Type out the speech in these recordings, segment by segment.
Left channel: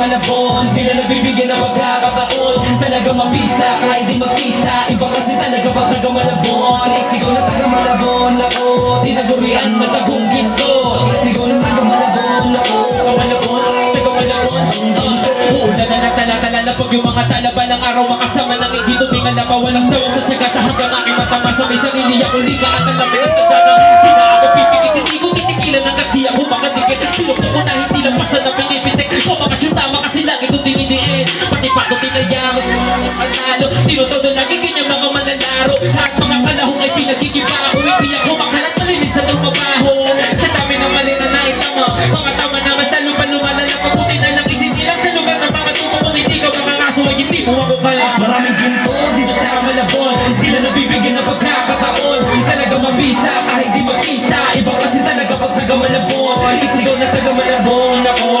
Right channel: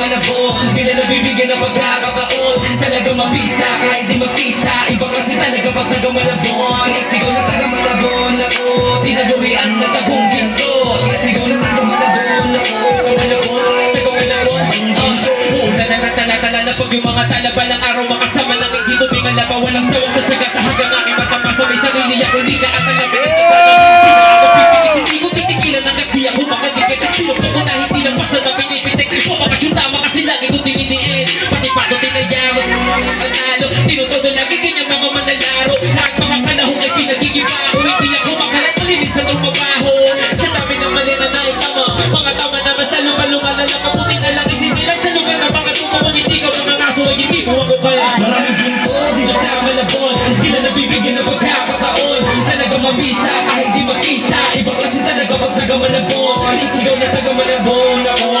Malabon, pila na bibigyan ng magkakataon. Talaga mapisa, kahit di magpisa. Iba kasi talaga pag taga-Malabon. Isigaw na taga-Malabon ako, tinagurian ng tagong ginto. Isigaw na taga-Malabon ako, taga-Malabon, taga-Malabon, ang ginto. Una na natala-tala na pag yung mga talaba ng araw makasama ng hindi tumingal na pa walang sawang sasaga sa hanggang aking matama sa may sarili ako. Hindi ka at alamin ang tatanong. Hindi na ako pipikit, hindi ko titigilan ng kaki ako makadikit. Pinuto ko na hindi na basta na pinipitik. O bakit yung tama kasi lagi ko dininiin. Pati pa ko tinayawag ang nalo. Tinutodo lagi ganyan mga manlalaro. Lahat mga kalahong ay pinagigiba ako. Hindi ako makalat malinis na itong mabaho. Sa dami ng mali na naitama. Mga tama na mas lalo pa lumalala. Kaputi na lang isinilang sa lugar na baka tutumang hindi ka mga kaso ay hindi mo ako kaya. Maraming ginto dito sa Malabon. Di na nabibigyan ng pagkakataon. Talaga mabisa kahit di mag-isa. Iba kasi talaga pag taga-Malabon. Isigaw na taga-Malabon ako.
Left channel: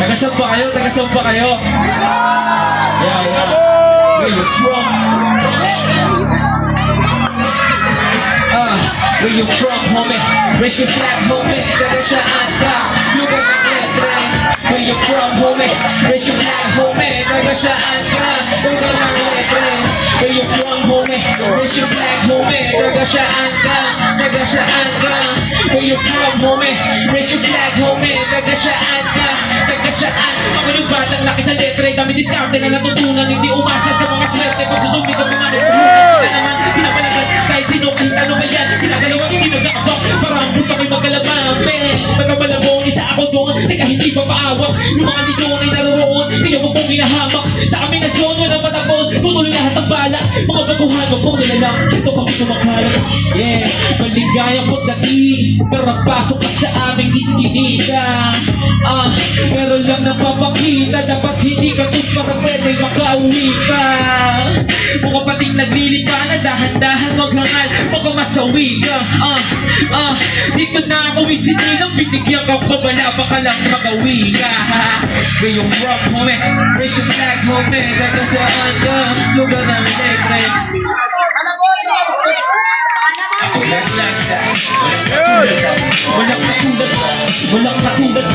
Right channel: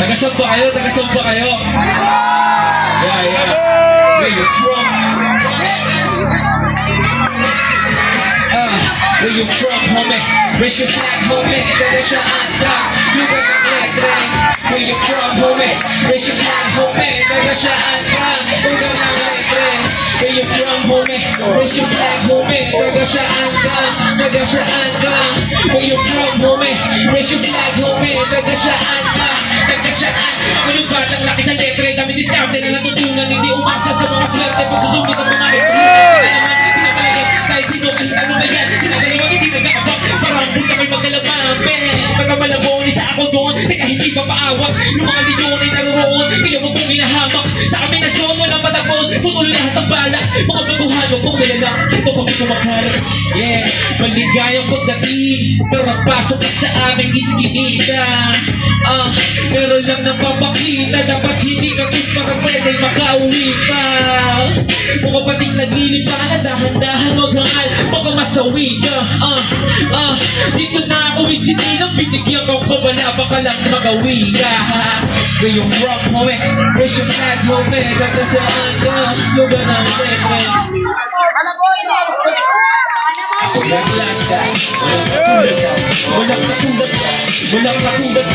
Tagasod pa kayo, tagasod pa kayo. Yeah. Where you from? Where you from, homie? Raise your flag, homie. Nagasaan ka, lugar ng letre. Where you from, homie? Raise your flag, homie. Nagasaan ka, lugar ng letre. Where you from, homie? Raise your flag, homie. Nagasaan ka, nagasaan ka. Where you from, homie? Raise your flag, homie. Nagasaan ka, nagasaan. Ang batang laki sa letre, dami diskarte na natutunan. Hindi umasa sa mga swerte. Pag susumit ang mga pinapalagan kahit sino kahit ano ba yan. Ginagalawa, hindi nag-aabang. Parang punta kayo magalaman. Pagkamalabong, isa ako doon. Teka, hindi pa paawat. Yung mga milyon ay naroon. Kaya mo pong hinahamak. Sa aming nasyon, walang patakot. Putuloy lahat ang bala. Mga baguhan, wag pong nilalang. Ito kami kumakalat. Yeah, maligayang pagdating. Pero magpasok ka sa aming iskinita. Meron lang napapakita. Dapat hindi ka tis para pwede makauwi pa. Mga pating naglilipangan. Dahan-dahan maghangal. Baka masawi ka. Dito na ako isinilang. Binigyan ka pa ba na baka lang magawi ka. Where you from, homie? Raise your flag, homie. Nagasaan ka, lugar ng letre. Ako lang lasta. Walang katulad. Walang katulad.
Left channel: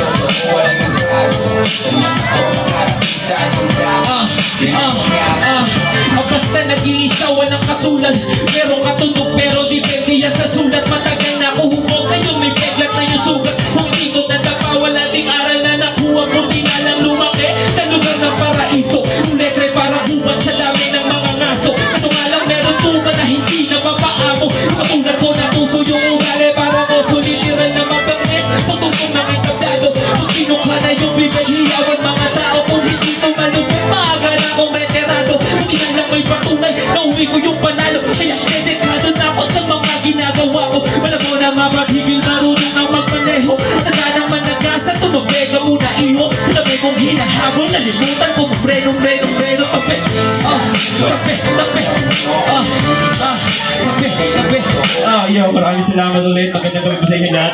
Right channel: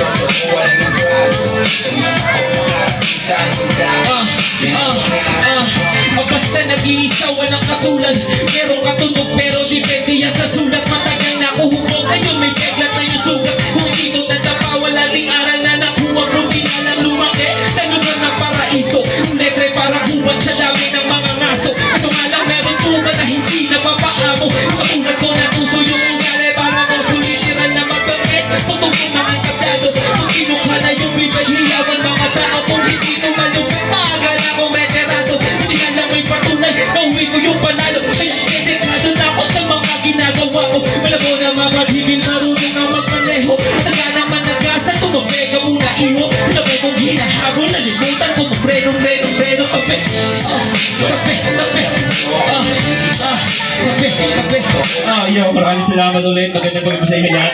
Basta nag-iisa, walang katulad. Merong katunog pero depende yan sa sulat. Matagal na ako humog ngayon, may peglat na yung sugat. Kung dito natapawa, laging aral na nakuha ko. Di na lang lumaki sa lugar ng paraiso. Ang letre para buwan sa dami ng mga ngaso. Ito nga lang meron tuba na hindi na mapaamo. Katulad ko na puso yung ugali para ko sulitiran na mabangis. Pagtungkong naman kablado. Kung kinukha na yung bibay, hiyawan mga tao. Kung hindi ito malupit, maaga na akong veterano. Hindi na lang may patunay, nauwi ko yung panalo. Kaya editado na ako sa mga ginagawa ko. Wala ko na mapaghigil, marunong na magpaneho. Taga naman nagasan, tumabega muna iho. Sabi kong hinahabol, nalimutan ko magprenong. Yo, maraming salamat ulit. Magandang gabi po sa inyo lahat.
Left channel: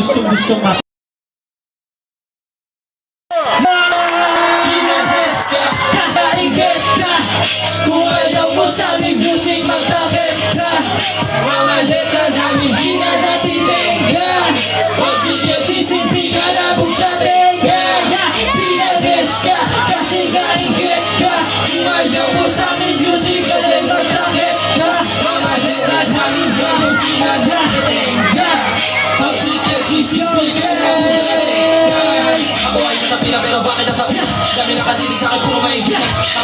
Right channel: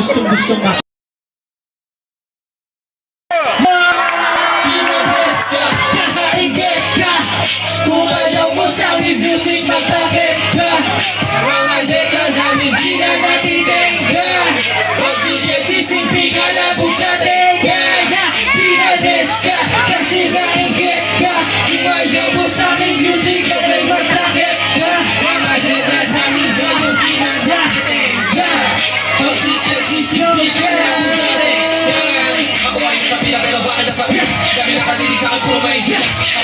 Gustong-gustong ka. Kung ayaw mo sa amin, busing magtakit ka. Mga letra namin, di na natin tenggan.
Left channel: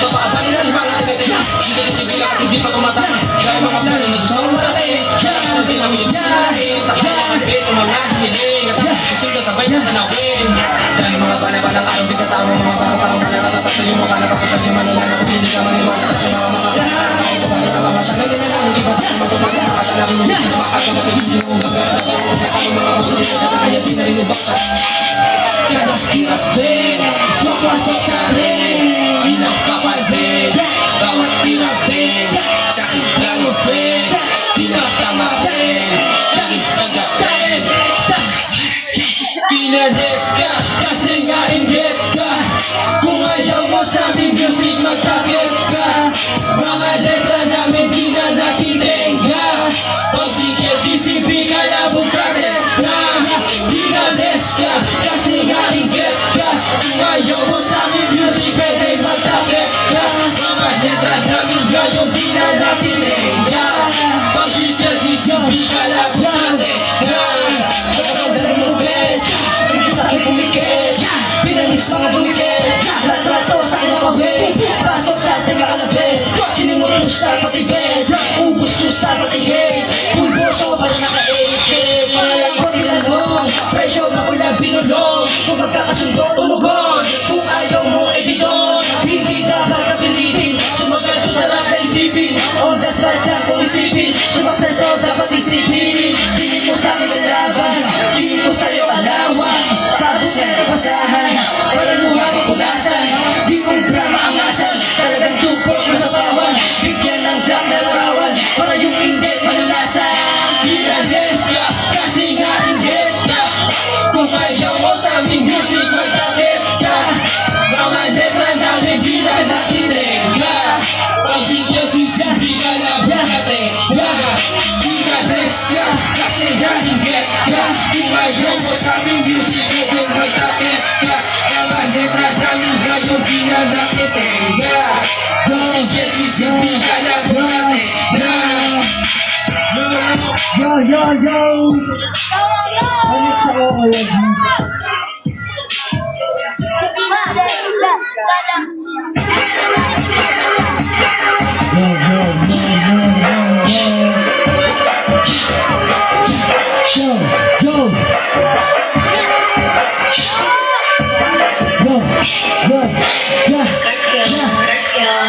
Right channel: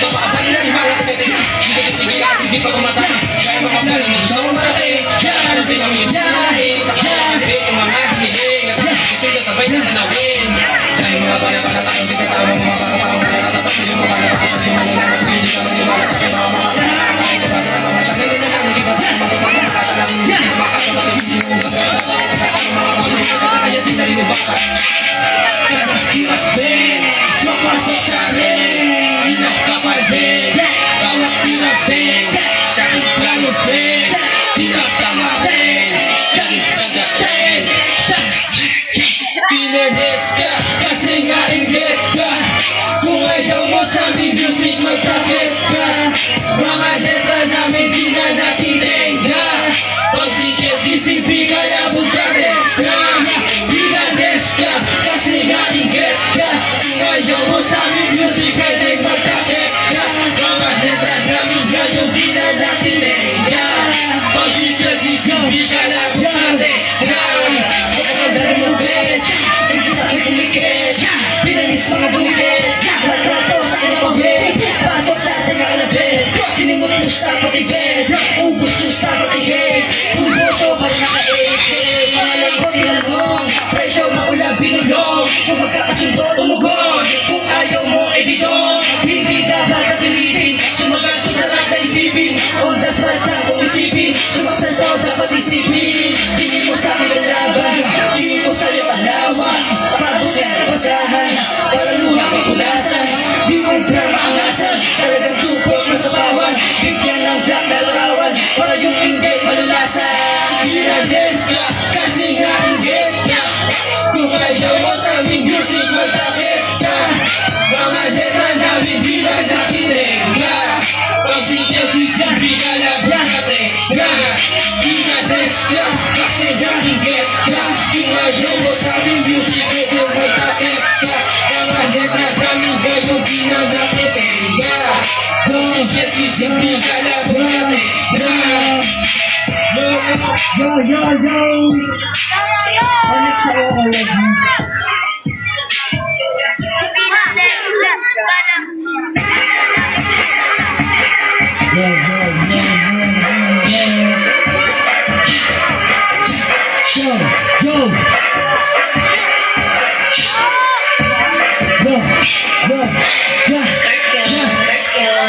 papaabay na yung mga tinitira. Hindi ko din ibigay kasi di pa tumatang. Kaya mga plano na gusto mong malaki. Kaya ka din ang yung biyahe. Sa kailangan bit, mga hiniling. Susunod sabay na tanawin. Dahil mga bala-balang araw, di ka tao ng mga bata-taong malalapat. Yung mga nakapasan yung malalapat. Hindi ka maniwala sa akin mga kahit ka balik ka mga sanay din na lang. Hindi ba tayo magpapagpapasa lang. Hindi ka makasama sa hindi mo magpapagpapasa. Sa kami mga mga kaya di na rin ibaksa. Kada hirap din, sopasok sa rin. Pinapapaldin, bawat hirap din. Sakit lang mo din, pinapamatin. Kahit sagatin, pinades ka, kasi nga inggit ka. Kung ayaw mo sa aming music, magtakit ka. Mga letra namin di na nakitinga. Pag sikit, sisimpi ka labog sa letra. Pinades ka, kasi nga inggit ka. Kung ayaw mo sa aming music, pwede magtakit ka. Mga letra namin ngayon di na nakitinga. Pag sikit, sisimpi ka labog sa letra. Kapag mo bitch, hindi sa akin pumikit. Pinanis mga dumikit, latrato sa akin ang pabit. Pasok sa ating alabit, sinimulin mo siya pati bed. Ubus ko siya pati head, kung boso pa rin naka-8. Pangalan ko tinanong, presyo maula binulong. Kung magkakasundo tumugon, kung ayaw mo edidon. Hindi dapat napilitin, sumagal ko sa lahat na isipin. On the spot lang kung isipin, sumaksasaw dapat isipin. Hindi mo sa akin lalaban, hindi ko sa'yo alawan. Pagod ka na pasahan, para luha ko tugasan. Di mong drama ang asan, talagang tukot na sa bawan. Bigyan ng jack na larawan, para yung inggit malunasan. Pinades ka, kasi nga inggit ka. Kung ayaw mo sa aming music, magtakit ka. Mga letra namin di na nakinig ka. Pag sikit, sisimpi ka labas sa teka. Pinades ka, kasi nga inggit ka. Kung ayaw mo sa aming music, pwede magtakit ka. Mga letra namin ngayon di na nakinig ka. Pag sikit, sisimpi ka labas sa teka. Yo! Connect sa ako already. Yo! Just!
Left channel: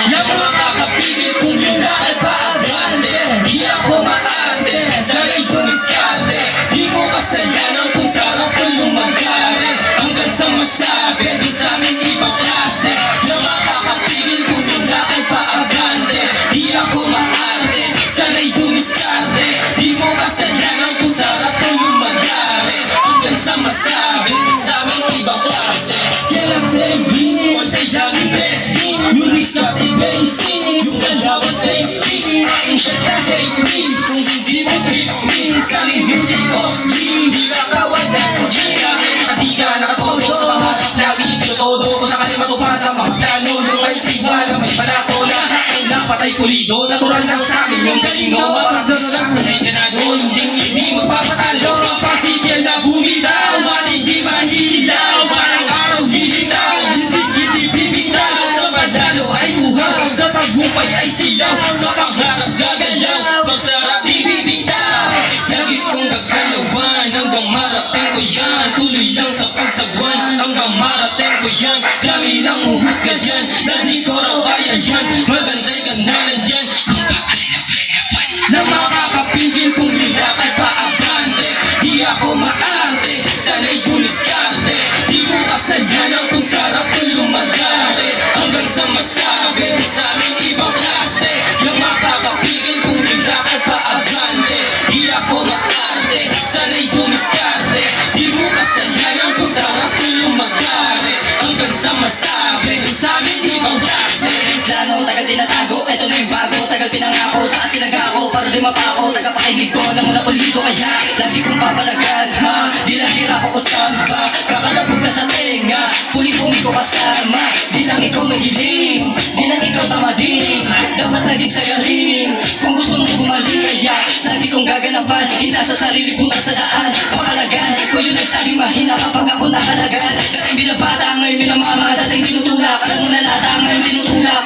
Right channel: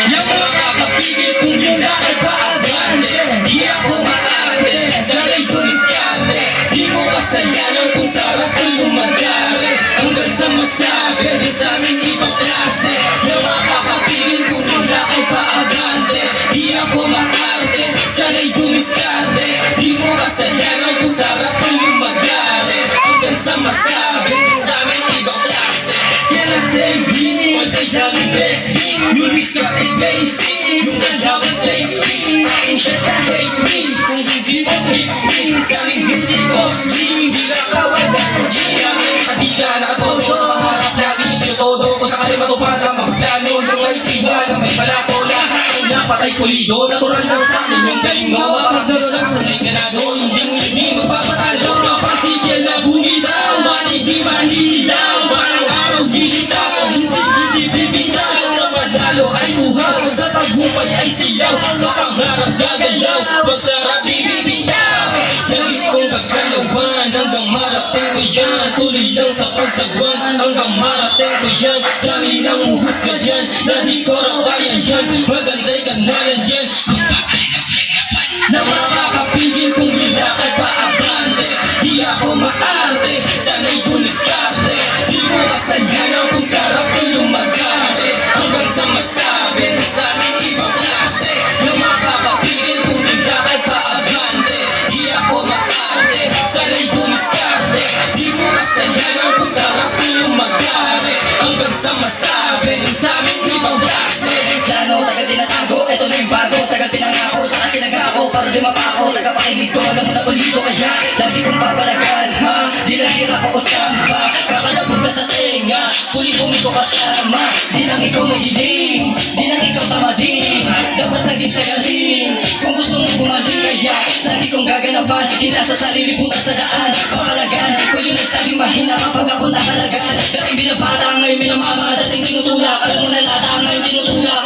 Yung mga kapigil kung yun na ay paabante. Di ako maarte, sanay dumiskante. Di ko kasayanan kung sarap ko lumagari. Hanggang sa masabi, di sa amin ibang klase. Yung mga kapigil kung yun na ay paabante. Di ako maarte, sanay dumiskante. Di ko kasayanan kung sarap ko lumagari. Hanggang sa masabi, di sa amin ibang klase. Kailan sa'yo bini, all day young baby. Lyrics na i-basic, yung kalaban sa itin. Aking siya ka hate me, kung hindi mo hate me. Sa aming music of stream, di ka kawala. Di namin nakatiga, nakatodo. Lagi todo ko sa kanila matupad na mga plano. Yung ay tiba na may palako lahat. Ang napatay pulido, natural lang sa amin yung galing no. Mapagdas ka, ay ganado, hindi magpapatalo. Pasigil na bumitaw, maling di mahilaw. Parang araw dilitaw, hindi bibitaw. Sa panalo ay uhaw, sa tagumpay ay siyaw. Sa pangarap gagalaw, pagsarap di bibitaw. Lagi kong gagalawan, hanggang marating ko yan. Tuloy lang sa pagsagwan, hanggang marating ko yan. Dami ng uhusga dyan, na di ko raw kaya yan. Maganda'y kanalan dyan, kung paano kinapan. Na makakapigil kung wala kay paabante. Di ako maarte, sana'y dumiskarte. Di ko kasayanan kung sarap ko lumagari. Hanggang sa masabi, sa amin ibang klase. Yung makakapigil kung wala kay paabante. Di ako maarte, sana'y dumiskarte. Di ko kasayanan kung sarap ko lumagari. Hanggang sa masabi, sa amin ibang klase. Plano, tagal tinatago, eto na yung bago. Tagal pinangako, saka sinagako para di mapako. Tagapakinig ko, alam mo na pulido kaya lagi kong papalagan, ha? Di lang ako o tamba, kakalabog ka sa tenga. Puli-pumi ko kasama, di lang ikaw mahiling. Di lang ikaw tamadin, dapat laging sagarin. Kung gusto mo gumaligaya, lagi kong gaganapan. Inasa sarili butas sa daan, pakalagan. Ko yun nagsabing mahina kapag ako nahalagan. Dating binabata, ngayon minamama, dating tinutulak. Alam mo na lata, ngayon tinutulak.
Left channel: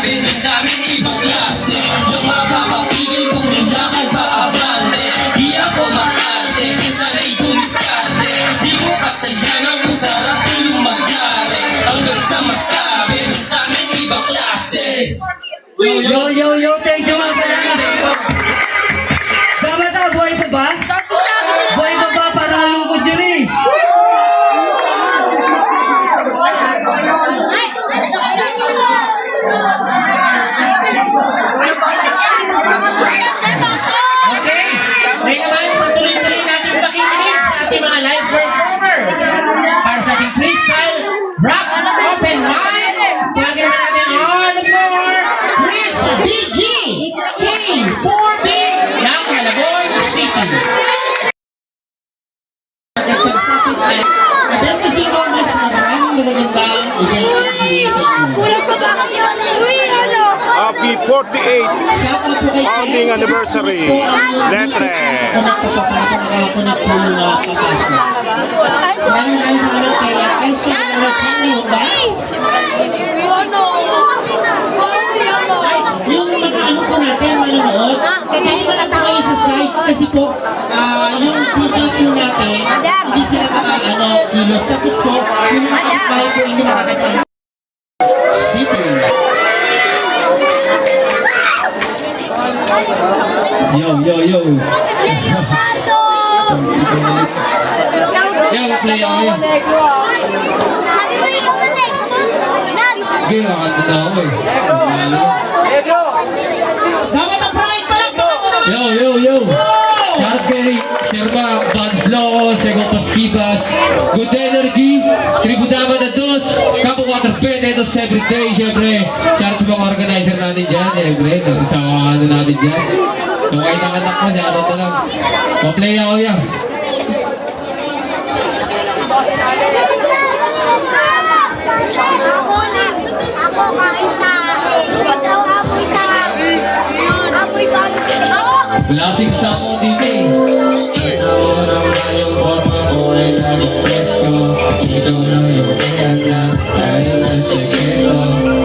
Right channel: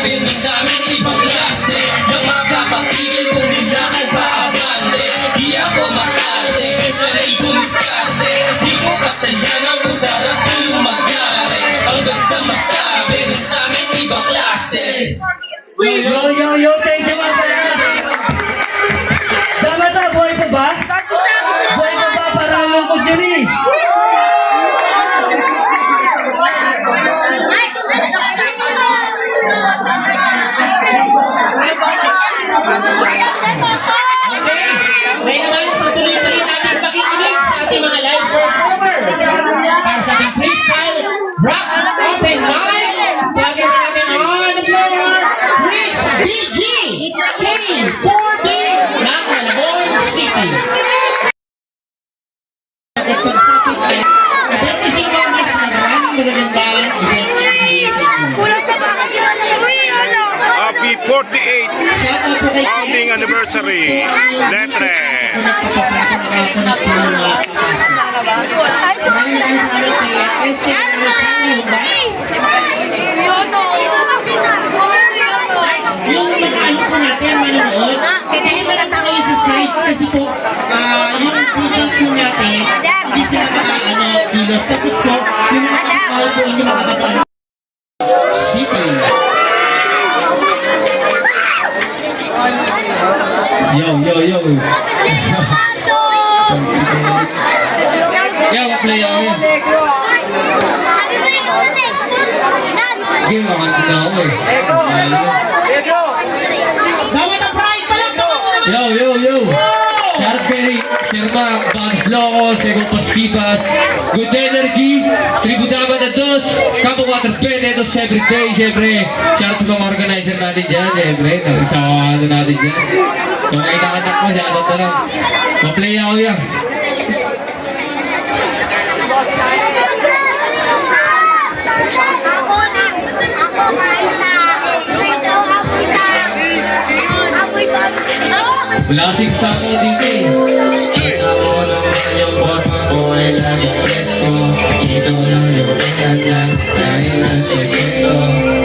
masabi mo sa amin ibang klase. Diyan makakapigil kung minakal pa abante. Di ako maarte, sana'y bumiskarte. Di ko kasalanan kung sarap tulong magyari. Hanggang sa masabi mo sa amin ibang klase. Yo, thank you mga talaga. Dapat na, buhay pa ba? Buhay pa ba? Parang lungkot yun eh. Okay? Ngayon naman, sa tuloy-tuloy natin pakikinig sa ating mga live performer. Para sa ating freestyle, rap, open mic. Tawagin naman natin on the floor, Prince BG K4B ng Malabon City. Ating pagsapit ay 25 mas na maraming magagandang event. Happy 48 Shoutout po kay founding anniversary. Letre. Maraming salamat kay SK Alexander Hubas. Yung mga ano po natin, manonood, hindi na lang po kayo sa site kasi po, yung video po natin, hindi sila kilos. Tapos po, yung mga kapitbahay po, hindi makakataon. City. Yo. Play ako yan. Sige, makakanta na ako eh. Dapat ang pride pa lang Yo! Shout kay Sirma, Bugs Loco, Sego Paskipas, Good Energy, Tribudama na Dos, Campo Water Penedos everyday, siyempre. Shout sa mga organizer natin dyan, siyempre. Sa ano natin dyan. Kung kayo nakatak ko, shoutout na lang. Ma-play ako yan. Wala kasing sako dito eh. Ito lang yung bata ko ay laging presko. Ito lang yung kaya tayo ng sekreto.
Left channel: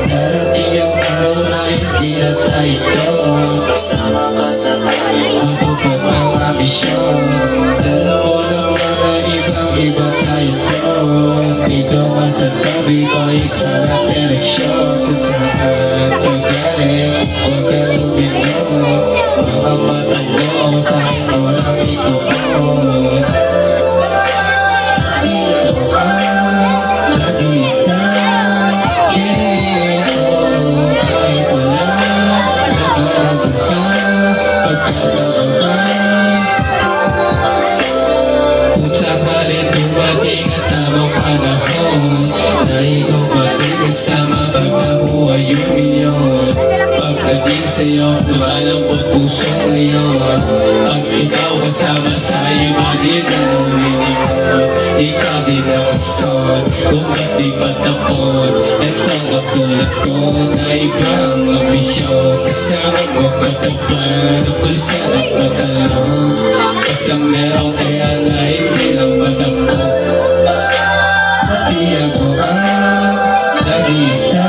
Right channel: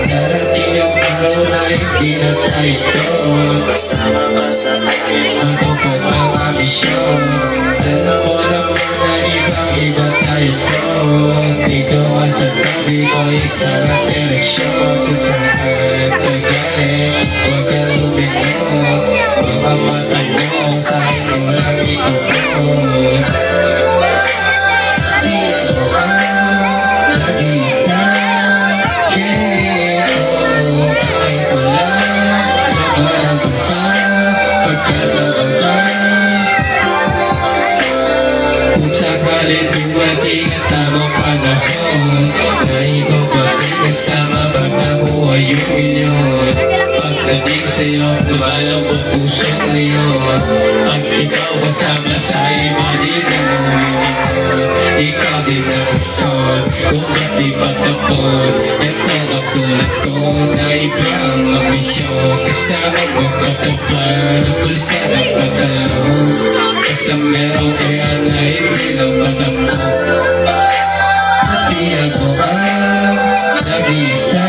Darating ang araw na hindi na tayo ito. Kasama ka sa akin, matupad ang ambisyon. Alam mo naman na ibang-iba tayo to. Dito nga sa tabi ko isang direksyon. Kung saan ka galing, huwag ka lumingon. Mga mata mo, sa'yo ko lang ituon. Di ako ang nag-isa. Kahit wala nag-aagusa. Pagkakabagan. Kung sakaling dumating ang tamang panahon, na ikaw pa rin kasama pag nakuha yung milyon. Pagdating sa'yo, lumalambot puso ngayon. Pag ikaw kasama sa iba, di na luminikot. Ikaw din ang asol, kung ba't di patapon. Ito katulad ko na ibang ambisyon. Kasama ko patapan, pulsa na patalon. Basta meron kaya na hindi lang patapon. Pati ako ang nag-isa.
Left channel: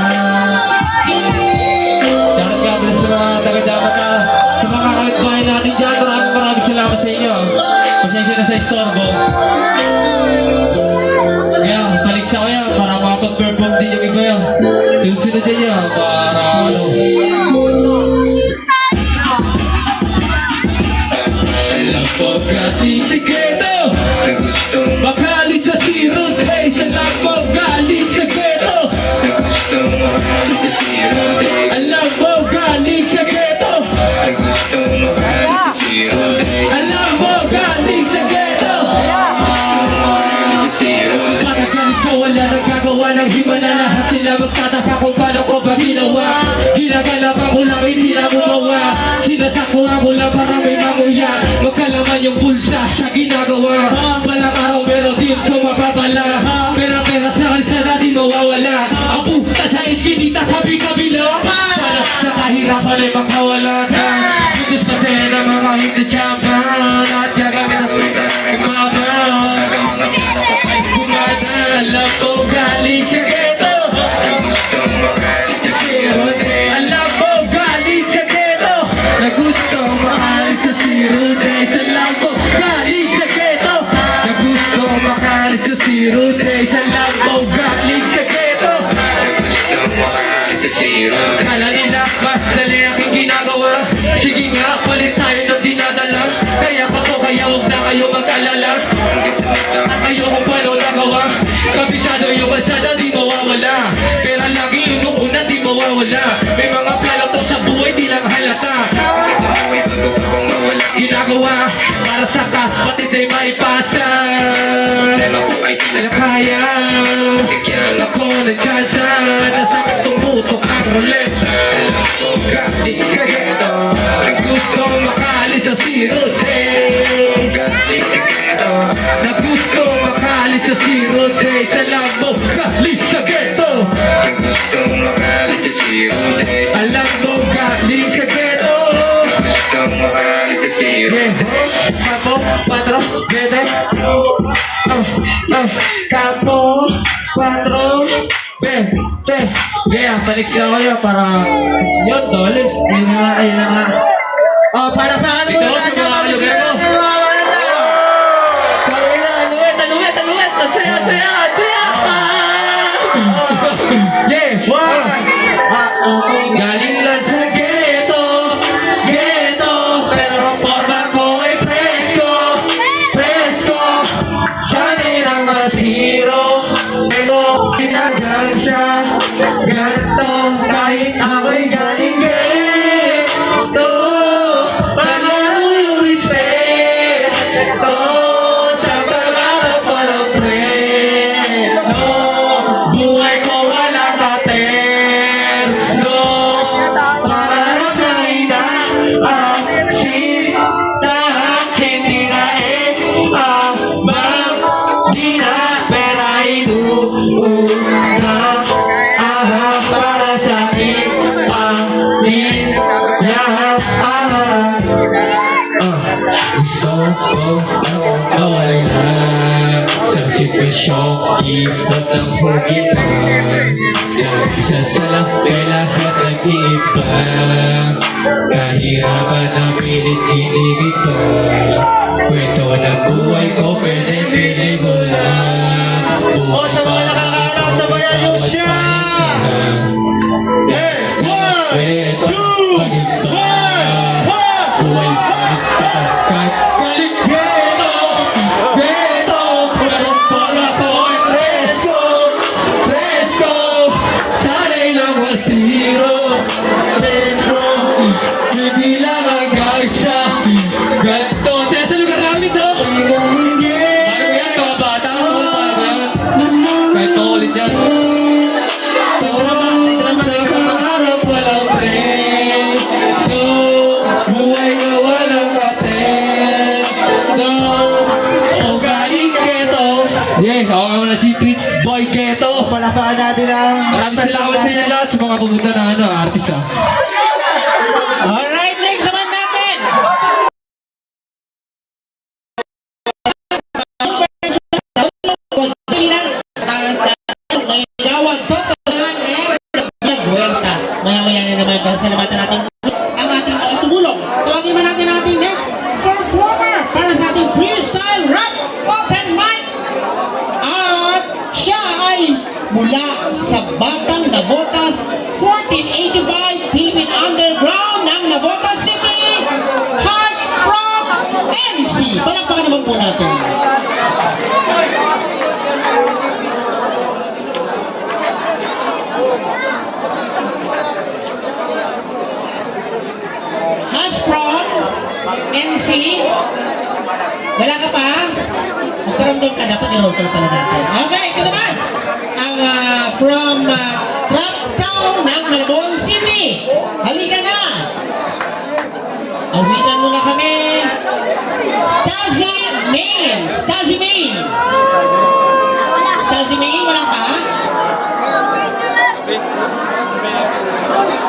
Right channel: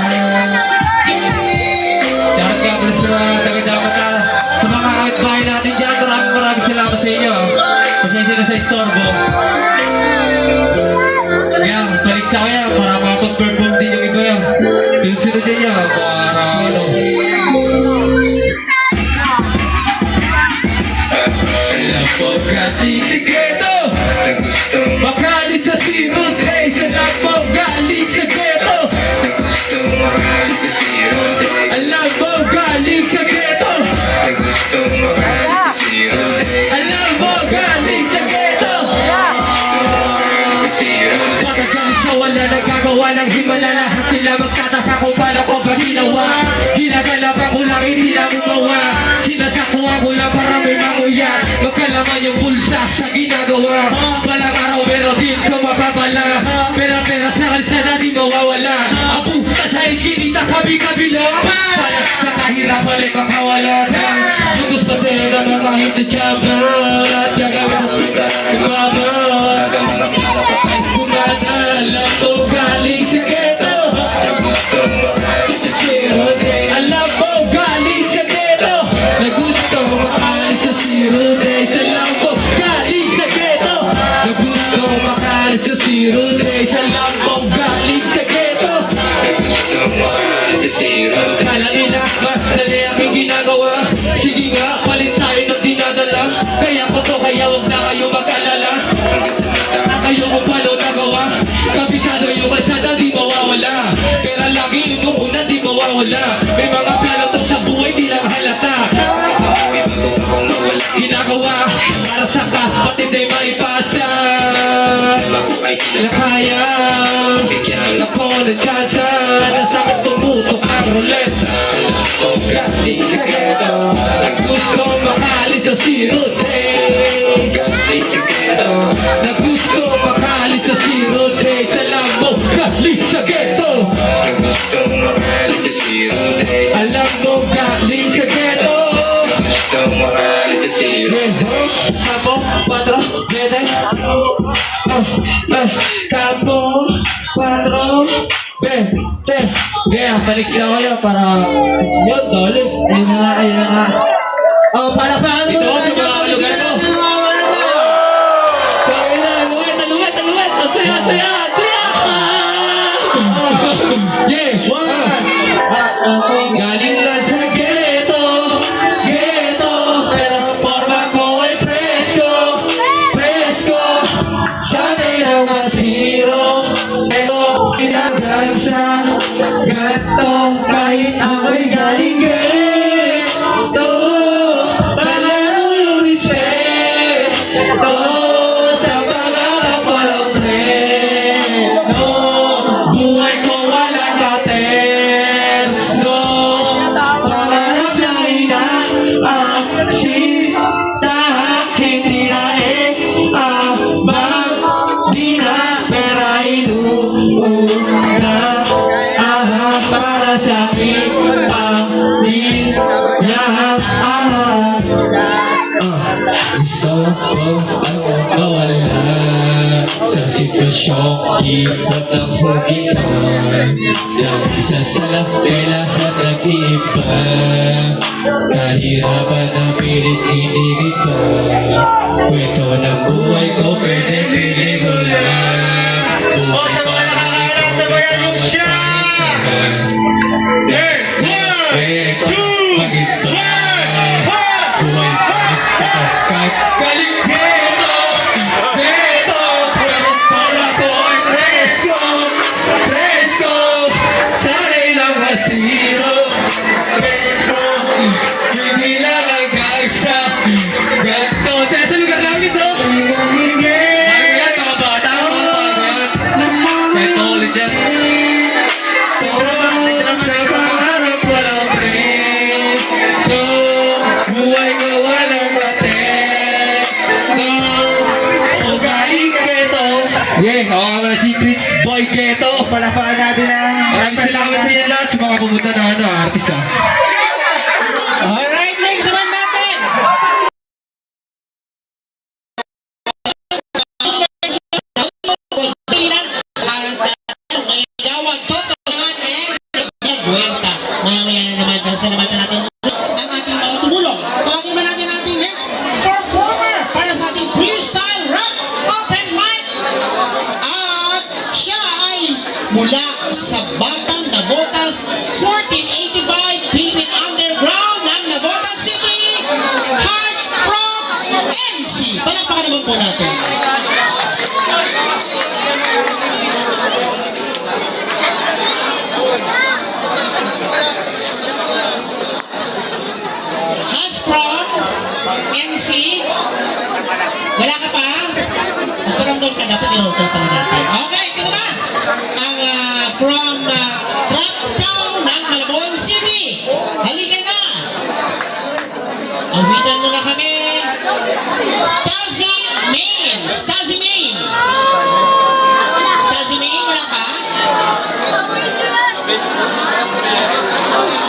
Sa mga taga-dapat sa mga kapitbahay natin dyan, maraming salamat sa inyo. Pasensya na sa istorbo. Kaya, paliksa ko yan para makapag-perform din yung iba yan. Sunod din yan para ano. Alam ko kasi sikreto, makalit sa sirot, hey, salam mo galing sa ghetto. Alam mo galing sa ghetto. Alam mo galing sa ghetto. Pagkagalit sa wala nagkagawa ng himala. Lahat sila magtataka kung paano ko ba ginawa. Ginagalapan ko lang hindi na gumawa. Sinasakuhan ko lang para may manguya. Magkalaman yung bulsa sa ginagawa. Balang araw pero dito mapapala. Pera-pera sa kalsada di mawawala. Ang puta sa eskinita kabi-kabila. Sana sa kahirapan ay makawala ka. Gusto din na mga hindi tiyaban. At gagawin mo ibaban. Ay kumadala ko galing sa ghetto. Alam Rude sa lambong galing sa ghetto. Kala nila madali ang aking ginagawa. Sige nga, palit tayo ng dinadala. Kaya ko to, kaya huwag na kayo mag-alala. Kayo kung paano magawa. Kabisado yung kalsada, di mawawala. Pero lagi yung una, di mawawala. May mga plano to sa buhay, di lang halata. Ginagawa para sa kapatid ay maipasa. Na kaya ako ng tsansa. Nasa akin tumutok ang roulette. Galing sa ghetto. Gusto makalis sa zero days. Galing sa ghetto. Na gusto makalis sa zero days. Alam mo, galing sa ghetto. Gusto makalis sa zero days. Alam mo, galing sa ghetto. Gusto makalis sa zero days. Kapo, patro, bete. Kapo, patro, bete. Kaya, balik sila ko yun para yun, tol. Ayun na nga, ayun na nga. Oh, palakpakan mo Dito na sa mga lugar ko. Aluet. Ang saya, ang saya, ang saya. Yes. Galing lang sa ghetto, ghetto. Pero ang forma ko ay presko, presko. Sana'y na masiro. Pero pinagal siya, ganto. Kahit ako'y galing ghetto. Pagano yung respeto. Sa pangarap walang freno. Buhay ko walang katerno. Pangarap na inaaksita. Hindi na abang. Di na pera inuuna. Para sa akin pamilya. Gusto ko ang mawala sa sitwasyong hirap ng hugitan. Dahil sa salap kay lahat nag-iiba. Kahirapan na pilit inigiba. Kwento ng buhay ko pwede piling mo lang. Buhay para ikaw ikaw siya. Buhay pa galing ghetto, ghetto. Pero para ko ay presko, presko. Sana'y lang nasiro, pero hindi lang ang gagsa. Ganto, sa lugar namin ito. Ano yan, mga bata? Kahit ulit yan. Pangarap walang presko. Buhay ko walang katerno. O galing ghetto. Yeah, ako nga muna si Rich Boy Ghetto. Palakpakan natin ang... Maraming salamat sa inyo lahat sa mga pumunta na artist ah. Alright, next naman natin. May gawad totohanan Buwenta. Maya-maya na naman pasalamatan natin ang ating mga tumulong. Tawagin ba natin ang ating next performer para sa ating freestyle rap open mic. At siya ay mula sa Batang Navotas 1485 Deep in Underground ng Navotas City. Hash from NC. Palakpakan naman po natin. Hash from NC. Wala ka pa? Magparamdam ka, dapat i-roll pala natin. Okay, ito naman. Ang from Trap Town ng Malabon City. Halika na. Awitan mo na kami. Stazzy Main. Stazzy Main. Stazzy Main, wala ka?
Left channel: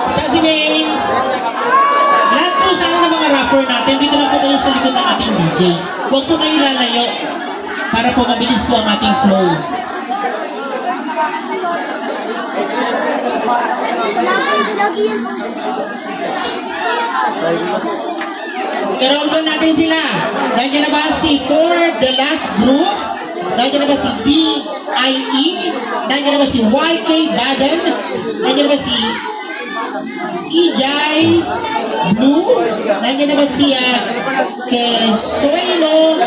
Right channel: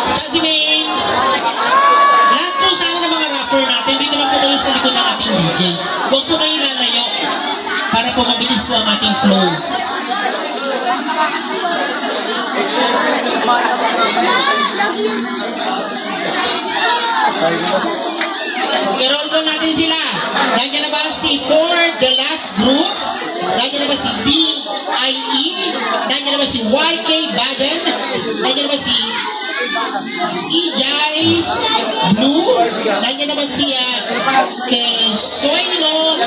Stazzy Main. Lahat po sana ng mga rapper natin, dito lang po kayo sa likod ng ating DJ. Huwag po kayo lalayo para po mabilis po ang ating flow. I-roll natin sila. Nandiyan na ba si Ford, the last group? Nandiyan naman si D.I.E. Nandiyan naman si Y.K. Baden. Nandiyan naman si Ijay Blue. Nandiyan naman si Kesoylo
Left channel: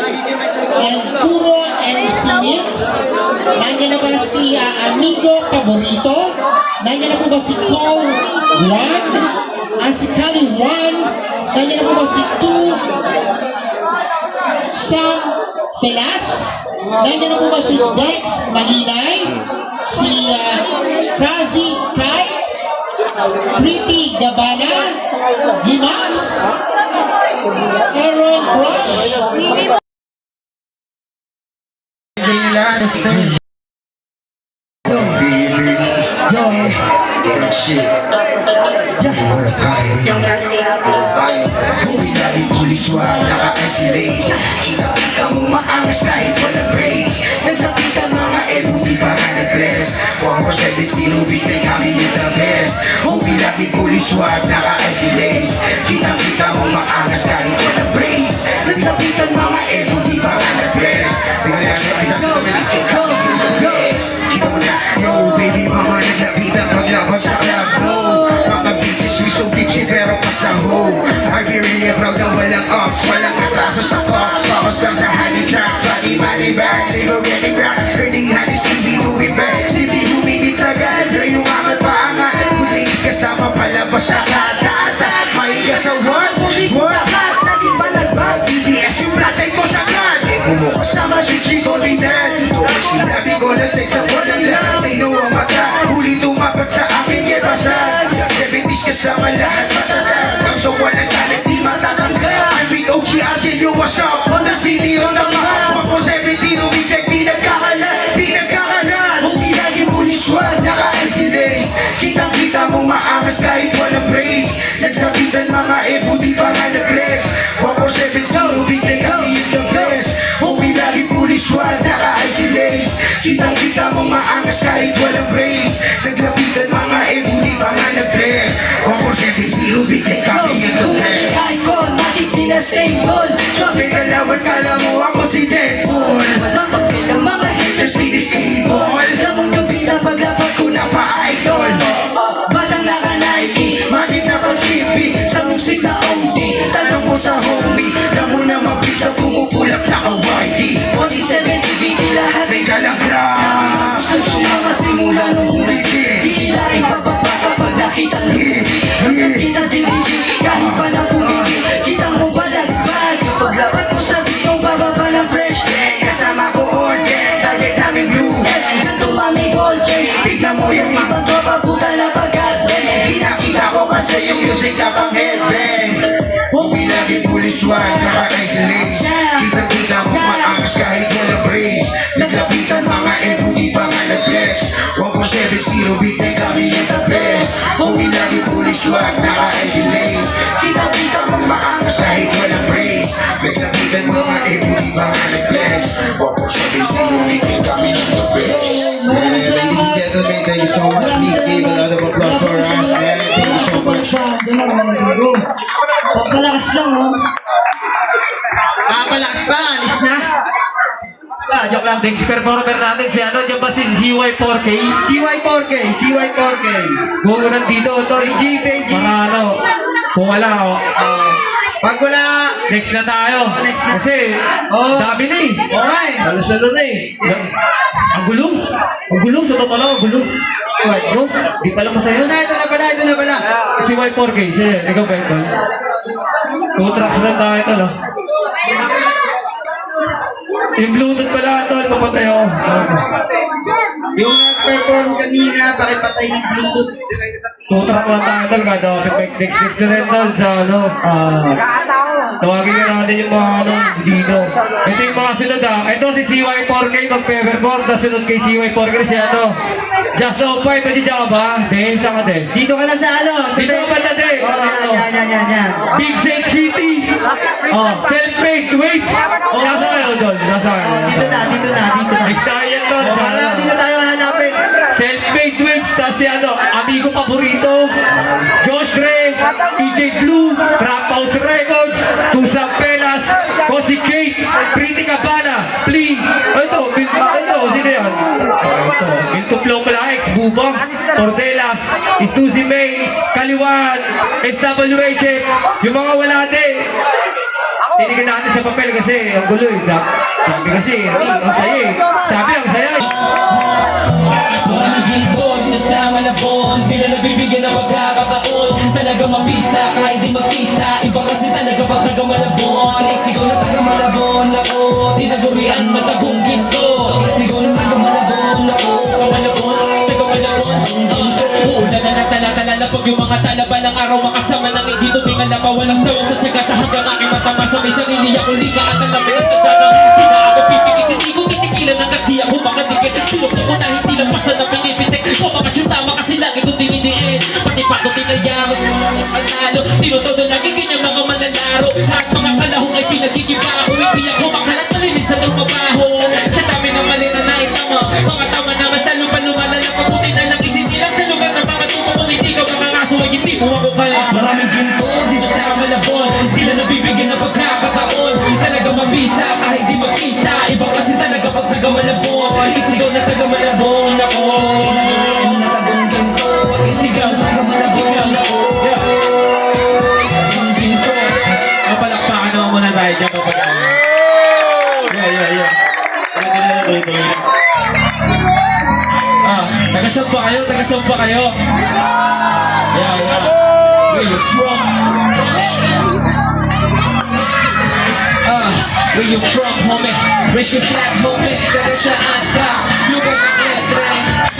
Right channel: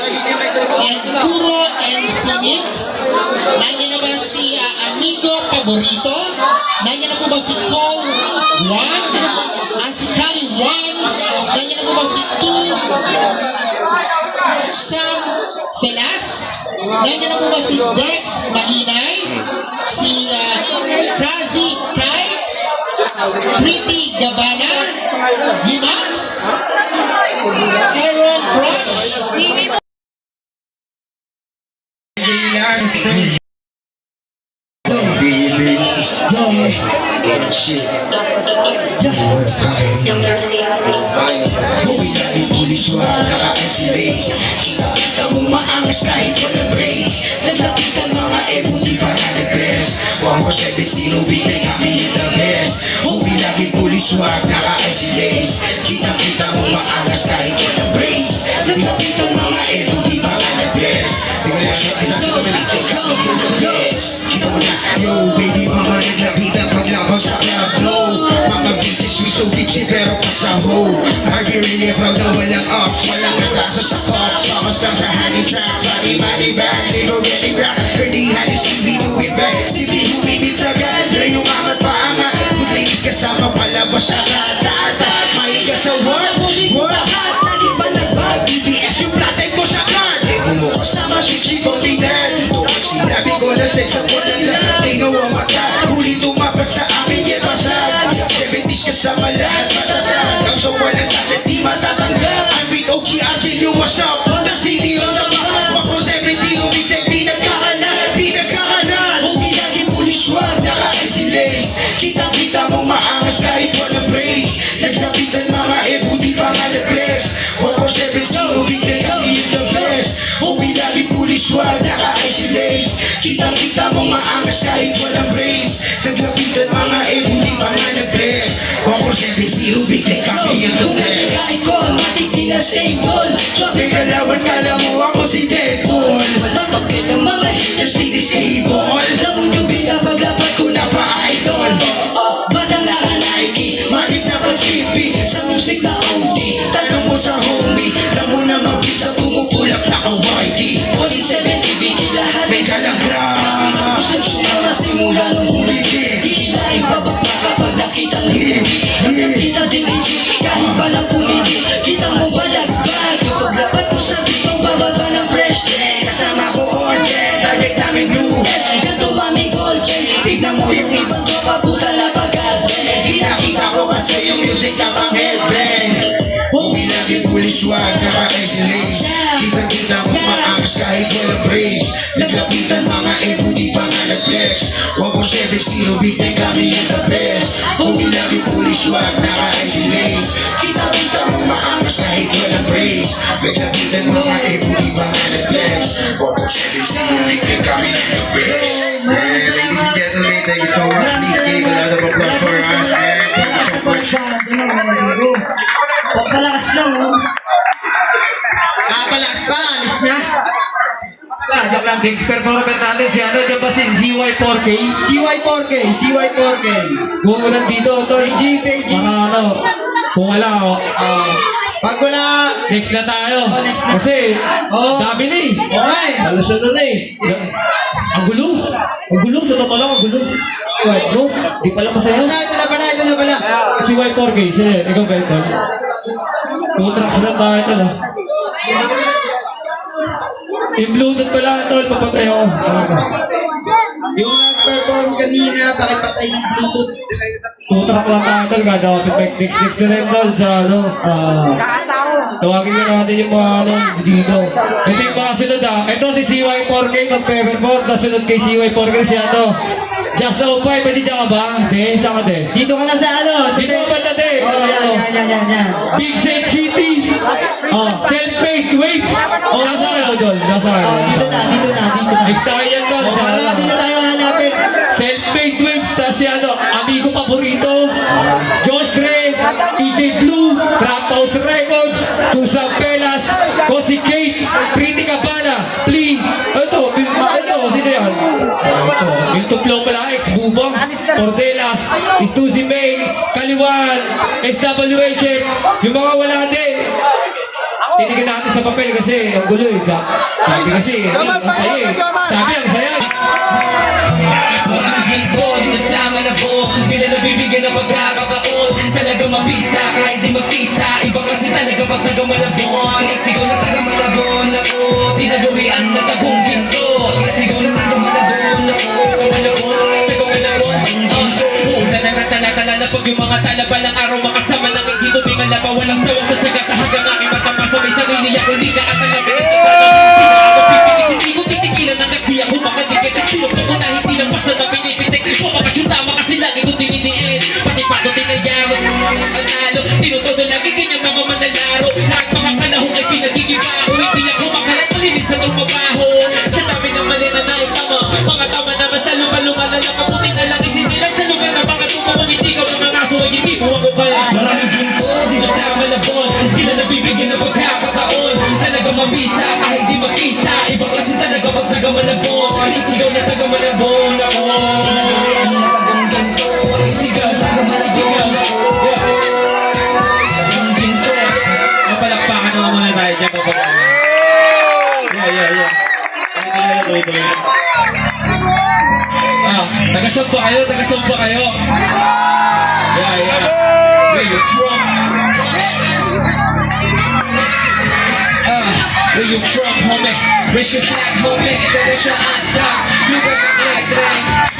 and Kuro and Sinits. Nandiyan naman si Amigo Paborito. Nandiyan na po ba si Ko Juan? Ang si Kali Juan. Nandiyan na po ba si Tu Sam Velas? Nandiyan na po ba si Dex Mahinay? Si Kazi Kai? Pretty Gabana? Himax? Aaron Crush? Uwi na rin puliswar, naka-isolate. Kita mo maangas kahit walang grace. Naglapitan mga ebo, di pa nga nag-dress. 147 bigay kami yung the best. Uwi na rin puliswar, naka-isolate. Kita mo maangas kahit walang brains. Naglapitan mga ebo, di pa nga nag-dress. 147 bigay kami yung the best. Kita mo na, yo baby mama, naglapitan paglabas sa club flow. Mga bitches we so tipsy pero pasaho. Are we really proud na walang ups? Walang atraso sa cops. Papas lang sa honey track. Money money back. They go getting round. Dirty honey Stevie moving back. Stevie humipit sa ganda. Yung amat paangat. Good ladies kasama palabas sa kata-ata. Mahiga sa work. What? Naging palagbag. BBS yung ratay ko sa card. Epo mo kasama switch ko ni dad. Dito ang sinabi ko na sex ako ng lahat. They know ang mata. Huli tumapat sa akin. Yeah, basag. 70s kasama lahat matatag. Ang so walang talent di matatanggal. I'm with OG-RJ, you what's up? On the city, on the mahal. Pako 7-0, bigdag di nagkakalat. Di nagkakalat. Huwag lagi pulis wag, naka-isolate. Kitang-kita mo maangas kahit walang brains. Naglapitan mga ebo, di pa nga nag-flex. Pako 7-0, bigdag kami yung the best. Huwag lagi pulis wag, naka-isolate. Kitang-kita mo maangas kahit walang brains. Naglapitan mga ebo, di pa nga nag-flex. Pako 7-0, bigdag kami yung the best. Icon, matik di na same goal. Sabi ka lawan, kala mo ako si Deadpool. Walang bakit ang mga haters di disable. Alam mo yung bigla paglapat ko na pa-idol. Batang naka-Nike, Bakit na pag-sipi sa musik na OD. Tanong mo sa homie, alam mo na mabisa pumupulak na ka-whitey. 47 ibigay lahat. May kalabra. Gustong sumama simula nung huli. Di hilaring bababa kapag nakita lugi. Hanggang kita diligi, kahit pala pumigi. Kita mo balagbag, yung paglapat ko sa bigong bababa ng fresh. Kasama ko order, target namin blue. Hanggang tumami gold chain. Tignan mo yung iba, Ibang tropa puta na pag-album. di nakita ko kasi yung music na pang headbang. Uwi lagi pulis wag, naka-isolate. Kita mo maangas kahit walang brains. Naglapitan mga ebo, di pa nga nag-flex. 147-0, bigay kami yung the best. Uwi lagi pulis wag, naka-isolate. Kita mo maangas kahit walang brains. Naglapitan mga ebo, di pa nga nag-flex. 147-0, bigay kami yung the best. Ladies and gentlemen, thank you so much. Please give a lot of applause for us. And thank you so much. Pagkalakas lang, oh. Palakas pa, alis na. Joke lang, next performer natin si ano, dyan ba si CY4K? CY4K, CY4K. Kung nandito, tol. PG, PG. Mga ano, kung wala, Pag wala, next na tayo. Oh, next na. Kasi, Oh. dami na eh. okay. Halos ano na eh. Ang gulo. Ang gulo, totoo lang, ang gulo. No? Di pala masaya. Ito na pala. Si Y4K, siya, ikaw ba ito? 2 tracks lang tayo ito, no? Yung Bluetooth pala, tol, papatay ako. Yung nag-perform kanina, pakipatay yung Bluetooth. 2 track lang tayo, tol, gagawin next na rin, tol, sa ano, tawagin na natin yung mga ano, dito. Ito yung mga sunod, ito si CY4K, mag-perform, tapos sunod kay CY4K si ano, Just O5, pwede dyan ka ba? Hindi, saan ka din? Dito ka na sa ano? Sa Dito ba na din? Oh, yan. Big Set City, Oh, Self-Made Waves. Nasa kayo, Don? Nasa kayo? oh, dito na. Next tayo yan, Don. Oh, Sa para ano? dito tayo hanapin. Self-Made Waves, tapos si ano, amigo paborito, Josh Gray, PJ Blue, Trap House Records, Tusang Pelas, Cosi Kate, Pretty Cabana, Pling, ito, Portelas, Stussy May, Kaliwan, SWHF, yung mga wala din. Tinigin natin sa papel kasi ang gulo eh. Sabi kasi, ang saya eh. Sabi ang saya eh. Maraming ginto, sinasama na bon. Bila nabibigyan ng pagkakataon. Talaga mapisa, kahit di magpisa. Iba kasi talaga pag taga-malabon. Isigaw na taga-malabon ako. Tinagurian ng tagong ginto. Isigaw na taga-malabon ako. Taga-malabon, taga-malabon. Una na natala-tala na pag yung mga talaba ng araw makasama ng hindi tumingan na pa walang sawang sasaga sa hanggang aking matama sa may sarili ako liga at ang lamig at nagtanong hindi na ako pipikit hindi ko titigilan ng kati ako makadikit at pinupto ko na hindi lang basta na pinipitik o mga tiyutama kasi lagi ko dininiin pati pa ko tinayawag ang nalo tinutodo lagi ganyan mga manlalaro lahat mga kalahong ay pinagigiba ako hindi ako makalat malinis sa trumabaho sa dami ng mali na naitama mga tama na mas lalo pa lumalala kabuti na lang isinilang sa lugar na baka tutuwang hindi ka mga kaso ay hindi mo ako pala maraming ginto dito sa Malabon di na nabibigyan ng pagkakataon talaga mabisa kahit di magkisa iba kasi talaga pag taga-Malabon isigaw na taga-Malabon ako tagong ginto isigaw na taga-Malabon ako tagong ginto mapalakpakan naman muna tayo dyan yeah taga-saan pa kayo? Taga-saan pa kayo? Yeah. Where you from? Where you from, homie? Raise your flag, homie. Taga saan ka? Lugar ng letre.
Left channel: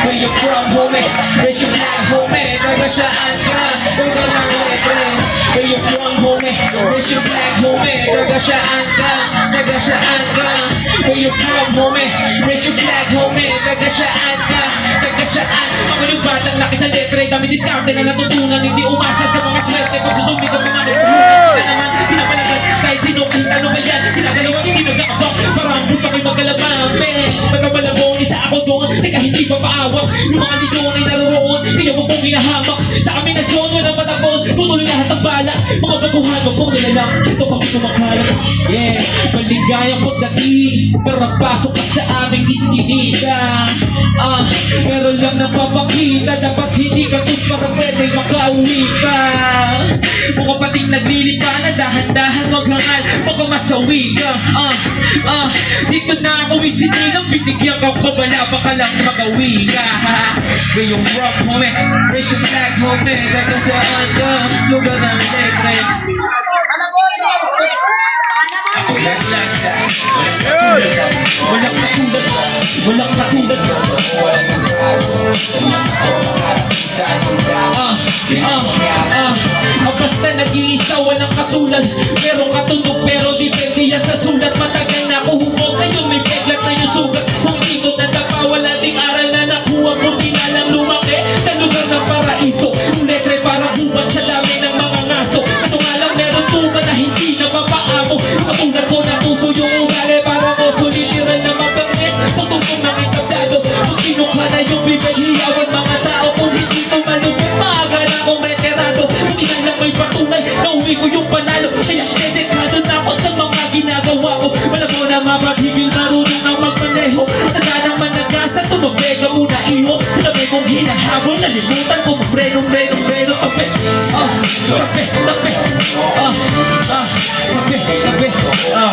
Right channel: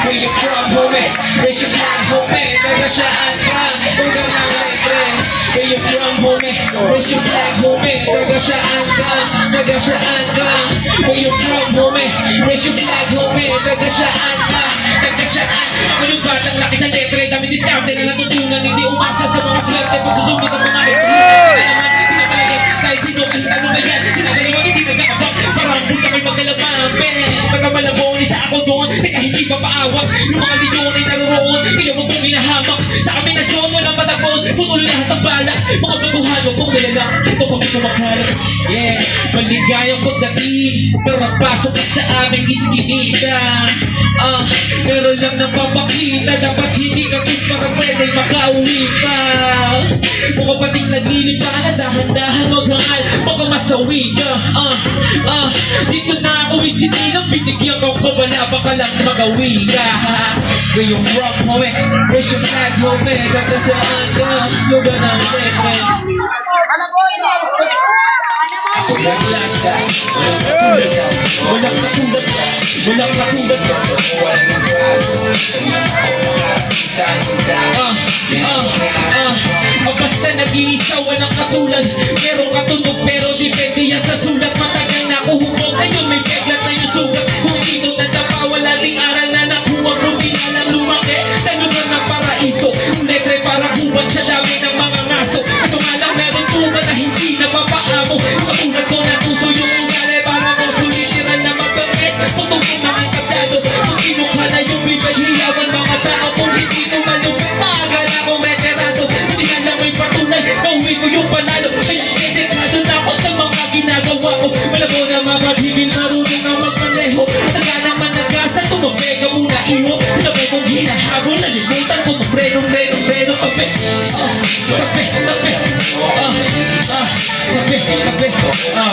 Where you from, homie? Raise your flag, homie. Taga saan ka? Lugar ng letre. Where you from, homie? Raise your flag, homie. Taga saan ka? Taga saan ka? Where you from, homie? Raise your flag, homie. Taga saan ka? Taga saan? Mga batang laki sa letre. Dami diskarte na natutunan. Hindi umasa sa mga swerte. Kung susumit ang mga pinapalagan kahit sino kahit ano ba yan. Ginagalawa hindi nagkakabak. Parang punta kayo magkalaban. Pagkamalabon, isa ako doon. Teka hindi pa paawak. Yung mga lidyon ay naroon. Kaya mo pong hinahamak. Sa kaminasyon, walang patakon. Putuloy lahat ang bala. Mga baguhan, wag pong nilalang. Ito kami kumakalat. Yeah, maligayang pagdating. Pero pasok ka sa aming iskinita. Meron lang napapakita. Dapat hindi ka kiss para pwede makauwi pa. Mga pating naglilipa na dahan-dahan maghangal. Baka masawi ka. Dito na ako isinilang. Binigyan ka pa wala baka lang magawi ka. Where you from, homie? Raise your flag, homie. Dapat saan ka? Lugar ng letre. Ako lang lasa, walang katulad ko. Walang katulad ko. Walang nagbago sa mga ko makarating sa lugar. Basta nag-iisa, walang katulad. Merong katunog pero depende yan sa sulat. Matagal na ako humog, ngayon may peglat na yung sugat. Kung hindi ko natapawa, laging aral na nakuha ko. Pinalang lumaki sa lugar ng paraiso. Yung letre para hubad sa dami ng mga ngaso. At nga lang meron tuba na hindi napapaamo. Katulad ko na tuso yung ugali para ko sumitiran na mapangres. Patungkong ng kablado, kung kinukha na yung bibay hilawan mga tao. Kung hindi ito malupit, maaga na akong veterano. Hindi na lang may patunay, nauwi ko yung panalo. Kaya editado na ako sa mga ginagawa ko. Wala ko na mapaghigil, marunong na magmaneho. Taga naman nagasa, tumabega muna iho. Sabay kong hinahabol, nalimutan ko magrenong kape.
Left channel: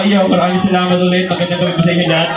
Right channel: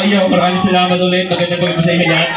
Yo, maraming salamat ulit. Magandang gabi po sa inyo lahat.